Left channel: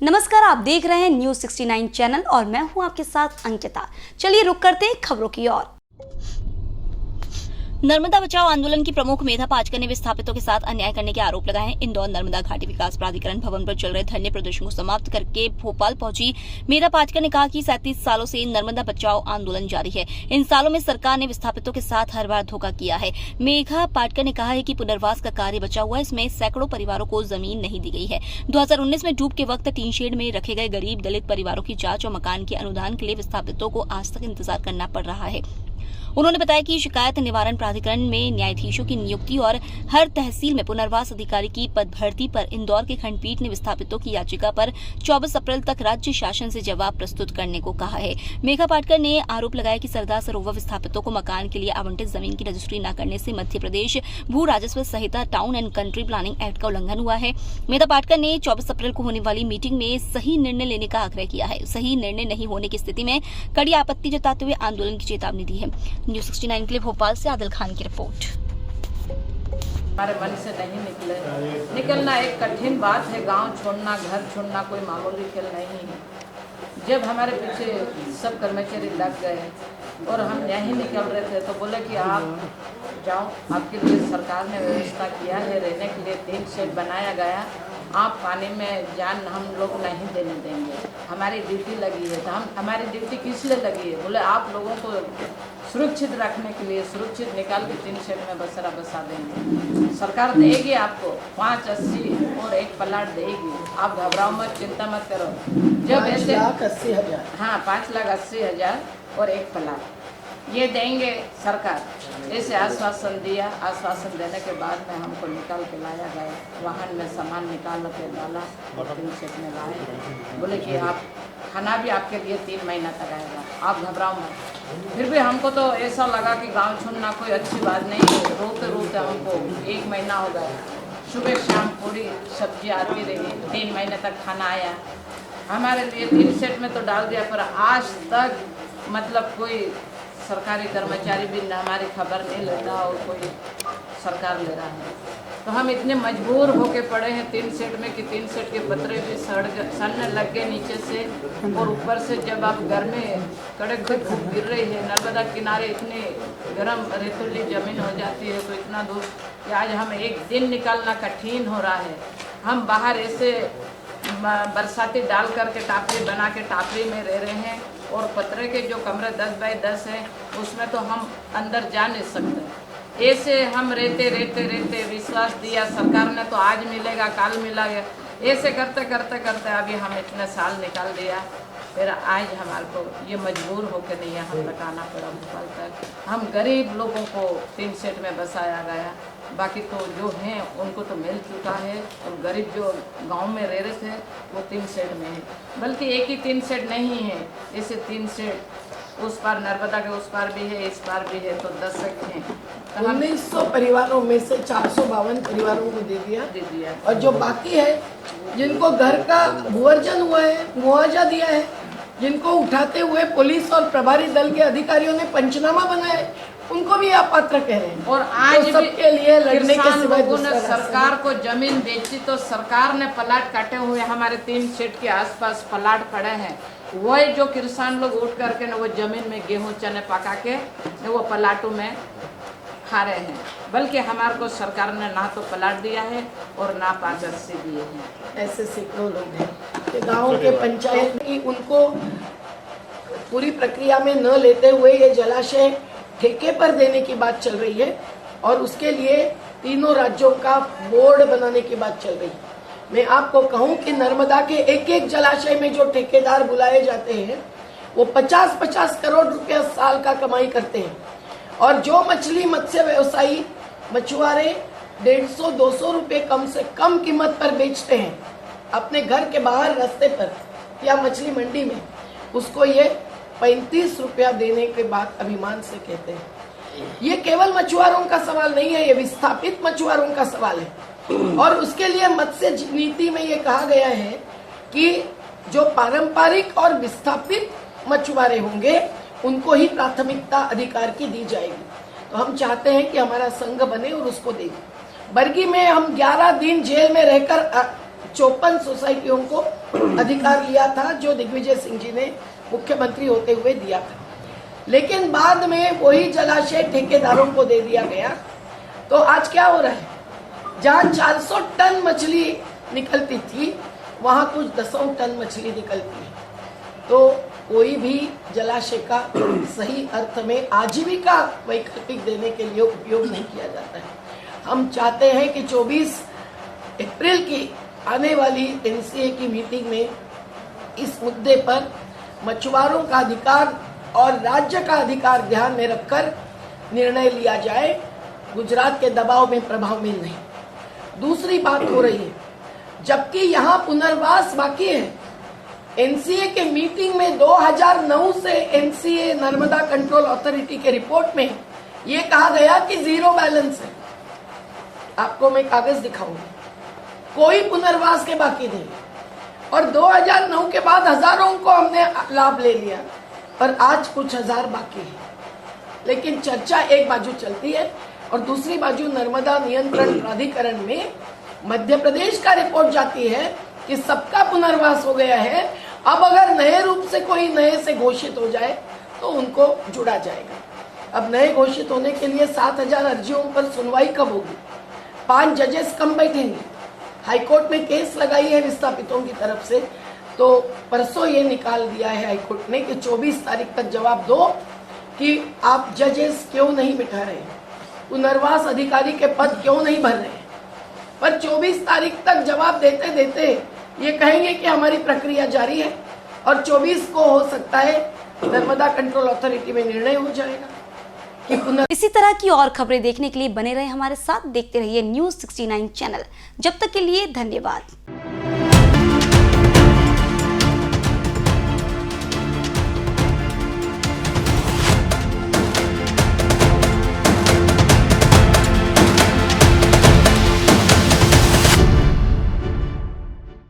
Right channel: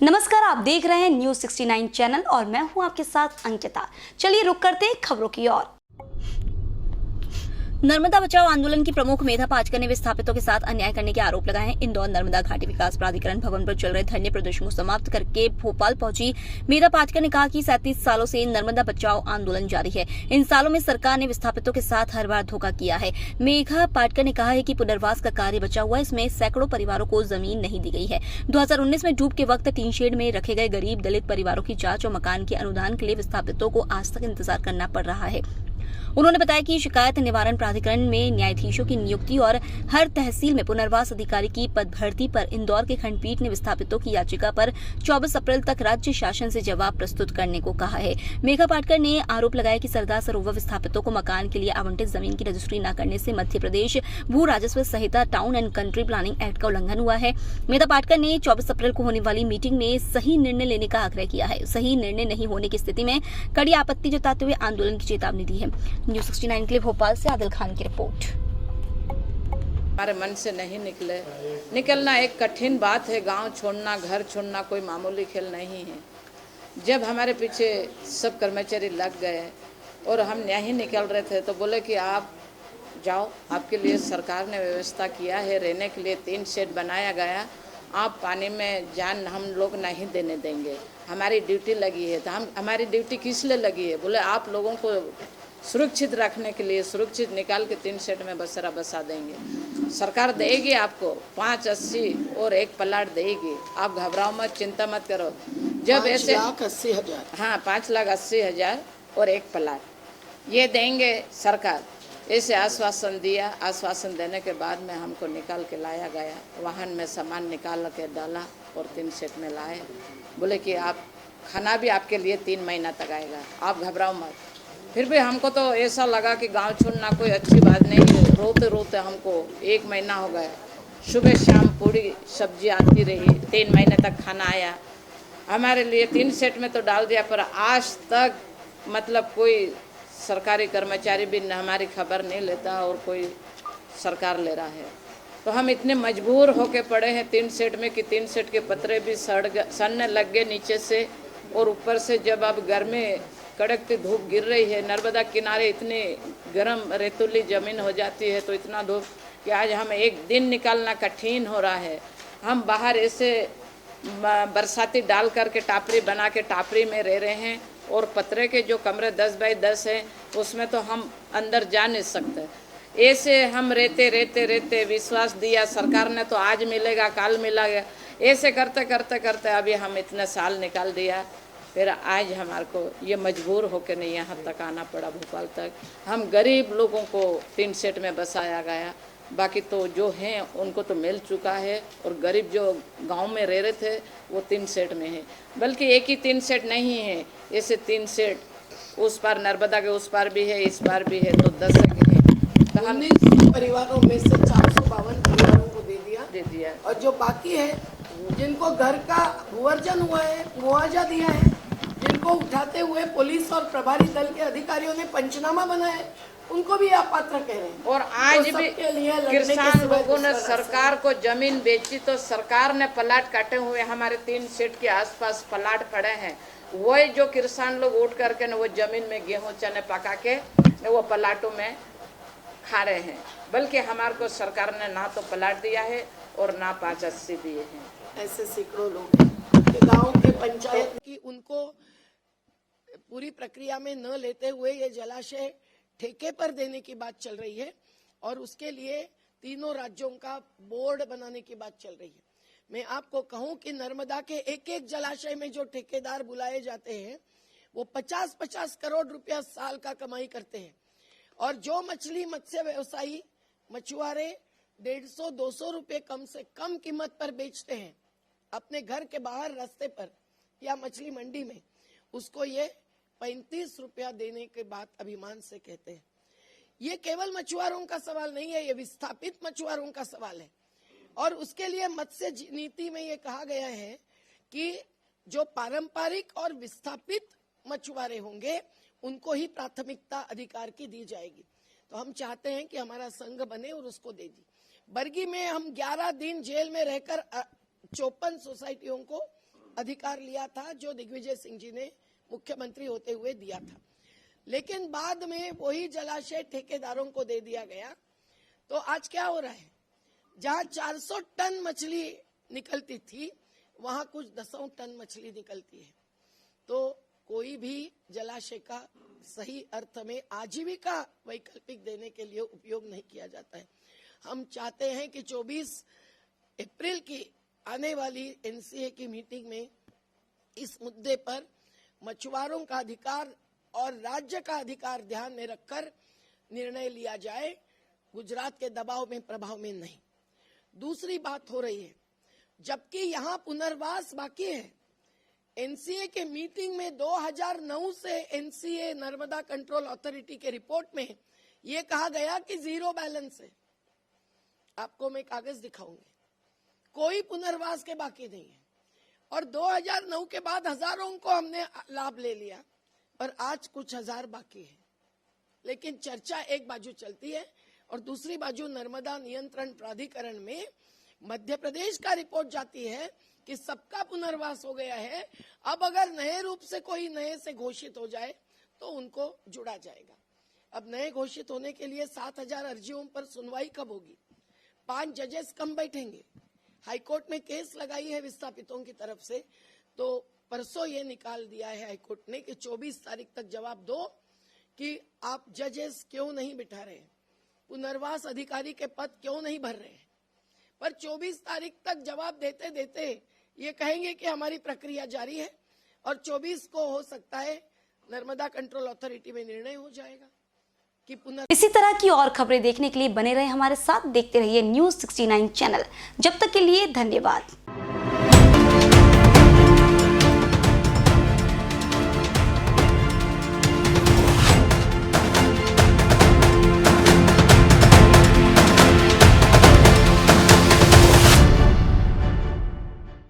नमस्कार, आप देख रहे हैं न्यूज 69 चैनल और मैं हूं आपके साथ अंकिता। चलिए रुक करते हैं खबरों की ओर। नर्मदा बचाओ आंदोलन की प्रमुख मेधा पाटकर ने विस्थापितों के साथ अन्याय करने के आरोप लगाए हैं। इंदौर नर्मदा घाटी विकास प्राधिकरण भवन पर चल रहे धरने प्रदर्शन को समाप्त करके भोपाल पहुंची मेधा पाटकर ने कहा कि 37 सालों से नर्मदा बचाओ आंदोलन जारी है। इन सालों में सरकार ने विस्थापितों के साथ हर बार धोखा किया है। मेधा पाटकर ने कहा है कि पुनर्वास का कार्य बचा हुआ है, इसमें सैकड़ों परिवारों को जमीन नहीं दी गई है। 2019 में डूब के वक्त टीन शेड में रखे गए गरीब दलित परिवारों की जांच और मकान के अनुदान के लिए विस्थापितों को आज तक इंतजार करना पड़ रहा है। उन्होंने बताया कि शिकायत निवारण प्राधिकरण में न्यायाधीशों की नियुक्ति और हर तहसील में पुनर्वास अधिकारी की पद भर्ती पर इंदौर के खंडपीठ ने विस्थापितों की याचिका पर 24 अप्रैल तक राज्य शासन से जवाब प्रस्तुत करने को कहा है। मेघा पाटकर ने आरोप लगाया कि सरदार सरोवर विस्थापितों को मकान के लिए आवंटित जमीन की रजिस्ट्री न करने से मध्य प्रदेश भू राजस्व संहिता town and country planning act का उल्लंघन हुआ है। मेघा पाटकर ने 24 अप्रैल को होने वाली मीटिंग में सही निर्णय लेने का आग्रह किया है। सही निर्णय नहीं होने की स्थिति में कड़ी आपत्ति जताते हुए आंदोलन की चेतावनी दी है। न्यूज 69 के लिए भोपाल से आदिल खान की रिपोर्ट। हमारे मन से नहीं निकलना एक कठिन बात है। गांव छोड़ना, घर छोड़ना कोई मामूली खेल नहीं है। जब हमारे पीछे सब कर्मचारी लग गए और हम नहीं निकल रहे थे तो बोले कि आप जाओ, आपके लिए सरकार ने व्यवस्था किया है, रहने के लिए 3 शेड बनाया गया, आप पानी में जान हम लोग नहीं देने देंगे। हमारी ड्यूटी लगी है, तो हमारी ड्यूटी किस लिए लगी है? बोले आप लोगों को सुरक्षित रखने के लिए सुरक्षित निकाल के 3 शेड में बसेरा बसा देंगे। सरकार देगी आपको 580 और 1 प्लाट देगी। आप घबराओ मत, चिंता मत करो। जब ऐसे 5,80,000 हाँ 5,80,000 और 1 प्लाट ये देंगे सरकार, ऐसे आश्वासन दिया। आश्वासन देने के बाद में हमको निकाल के लाया गया, वाहन में सामान निकाल के डाला और 3 शेड में लाए। बोले कि आप खाना भी आपके लिए 3 महीना तक आएगा, आप घबराओ मत। फिर भी हमको तो ऐसा लगा कि गांव छोड़ना कोई अच्छी बात नहीं है। रोते रोते हमको 1 महीना हो गया, सुबह शाम पूरी सब्जी आती रही, 3 महीने तक खाना आया हमारे लिए। 3 शेड में तो डाल दिया, पर आज तक मतलब कोई सरकारी कर्मचारी भी हमारी खबर नहीं लेता और कोई सरकार ले रहा है। तो हम इतने मजबूर होके पड़े हैं 3 शेड में कि 3 शेड के पत्रे भी सड़ने लग गए नीचे से, और ऊपर से जब अब गर्मी कड़क भी धूप गिर रही है, नर्मदा किनारे इतनी गर्म रेतीली जमीन हो जाती है, तो इतना धूप कि आज हम एक दिन निकालना कठिन हो रहा है। हम बाहर ऐसे बरसाती डाल करके टापरी बना के टापरी में रह रहे हैं, और पतरे के जो कमरे 10 बाई 10 है उसमें तो हम अंदर जा नहीं सकते। ऐसे हम रहते विश्वास दिया सरकार ने तो आज मिलेगा कल मिलेगा, ऐसे करते करते करते अभी हम इतने साल निकाल दिया। फिर आज हमारे को ये मजबूर होकर नहीं यहाँ तक आना पड़ा, भोपाल तक। हम गरीब लोगों को 3 शेड में बसाया गया, बाकी तो जो हैं उनको तो मिल चुका है, और गरीब जो गांव में रह रहे थे वो 3 शेड में है। बल्कि एक ही 3 शेड नहीं है, ऐसे 3 शेड उस पार नर्मदा के उस पार भी है, इस पार भी है, तो 10 हैं। तो हमने 1900 परिवारों में से 452 परिवारों को दे दिया, और जो बाकी है जिनको घर का भूअर्जन हुआ है, मुआवजा दिया है, जिनको उठाते हुए पुलिस और प्रभारी दल के अधिकारियों ने पंचनामा बनाया है, उनको भी आप पात्र कह रहे हैं। और आज तो भी के लिए लड़ने किसान के लोगों ने सरकार को जमीन बेची, तो सरकार ने प्लाट काटे हुए हमारे 3 शेड के आसपास प्लाट पड़े हैं। वही जो किसान लोग उठ करके न वो जमीन में गेहूं चने पका के न वो प्लाटों में खा रहे हैं। बल्कि हमारे को सरकार ने ना तो प्लाट दिया है और ना 580 दिए हैं। ऐसे सैकड़ों लोग हैं गाँव के पंचायत की उनको पूरी प्रक्रिया में न लेते हुए ये जलाशय ठेके पर देने की बात चल रही है, और उसके लिए तीनों राज्यों का बोर्ड बनाने की बात चल रही है। मैं आपको कहूं कि नर्मदा के एक एक जलाशय में जो ठेकेदार बुलाए जाते हैं वो 50-50 करोड़ रुपया साल का कमाई करते हैं, और जो मछली मत्स्य व्यवसायी मछुआरे 150-200 रुपये कम से कम कीमत पर बेचते हैं अपने घर के बाहर रास्ते पर या मछली मंडी में, उसको ये 35 रुपया देने के बाद अभिमान से कहते हैं। ये केवल मछुआरों का सवाल नहीं है, ये विस्थापित मछुआरों का सवाल है। और उसके लिए मत्स्य नीति में ये कहा गया है कि जो पारंपरिक और विस्थापित मछुआरे होंगे उनको ही प्राथमिकता अधिकार की दी जाएगी। तो हम चाहते हैं कि हमारा संघ बने और उसको दें। बरगी में हम 11 दिन जेल में रहकर 54 सोसाइटियों को अधिकार लिया था, जो दिग्विजय सिंह जी ने मुख्यमंत्री होते हुए दिया था। लेकिन बाद में वही जलाशय ठेकेदारों को दे दिया गया। तो आज क्या हो रहा है, जहाँ 400 टन मछली निकलती थी वहाँ कुछ 10 टन मछली निकलती है। तो कोई भी जलाशय का सही अर्थ में आजीविका वैकल्पिक देने के लिए उपयोग नहीं किया जाता है। हम चाहते हैं कि 24 अप्रैल की आने वाली एनसीए की मीटिंग में इस मुद्दे पर मछुआरों का अधिकार और राज्य का अधिकार ध्यान में रखकर निर्णय लिया जाए, गुजरात के दबाव में, प्रभाव में नहीं। दूसरी बात हो रही है, जबकि यहाँ पुनर्वास बाकी है। एनसीए के मीटिंग में 2009 से एनसीए नर्मदा कंट्रोल अथॉरिटी के रिपोर्ट में ये कहा गया कि 0 बैलेंस है। आपको मैं कागज दिखाऊंगी, कोई पुनर्वास के बाकी नहीं। और 2009 के बाद हजारों को हमने लाभ ले लिया, पर आज कुछ हजार बाकी है। लेकिन चर्चा एक बाजू चलती है और दूसरी बाजू नर्मदा नियंत्रण प्राधिकरण में मध्य प्रदेश का रिपोर्ट जाती है कि सबका पुनर्वास हो गया है। अब अगर नए रूप से कोई नए से घोषित हो जाए तो उनको जुड़ा जाएगा। अब नए घोषित होने के लिए 7000 अर्जियों पर सुनवाई कब होगी? 5 जजेस कम बैठेंगे। हाईकोर्ट में केस लगाई है विस्थापितों की तरफ से, तो परसों ये निकाल दिया है हाईकोर्ट ने कि 24 तारीख तक जवाब दो कि आप जजेस क्यों नहीं बिठा रहे, पुनर्वास अधिकारी के पद क्यों नहीं भर रहे। पर 24 तारीख तक जवाब देते देते ये कहेंगे कि हमारी प्रक्रिया जारी है और 24 को हो सकता है नर्मदा कंट्रोल अथॉरिटी में निर्णय हो जाएगा कि इसी तरह की और खबरें देखने के लिए बने रहे हमारे साथ, देखते रहिए News 69 चैनल। जब तक के लिए धन्यवाद।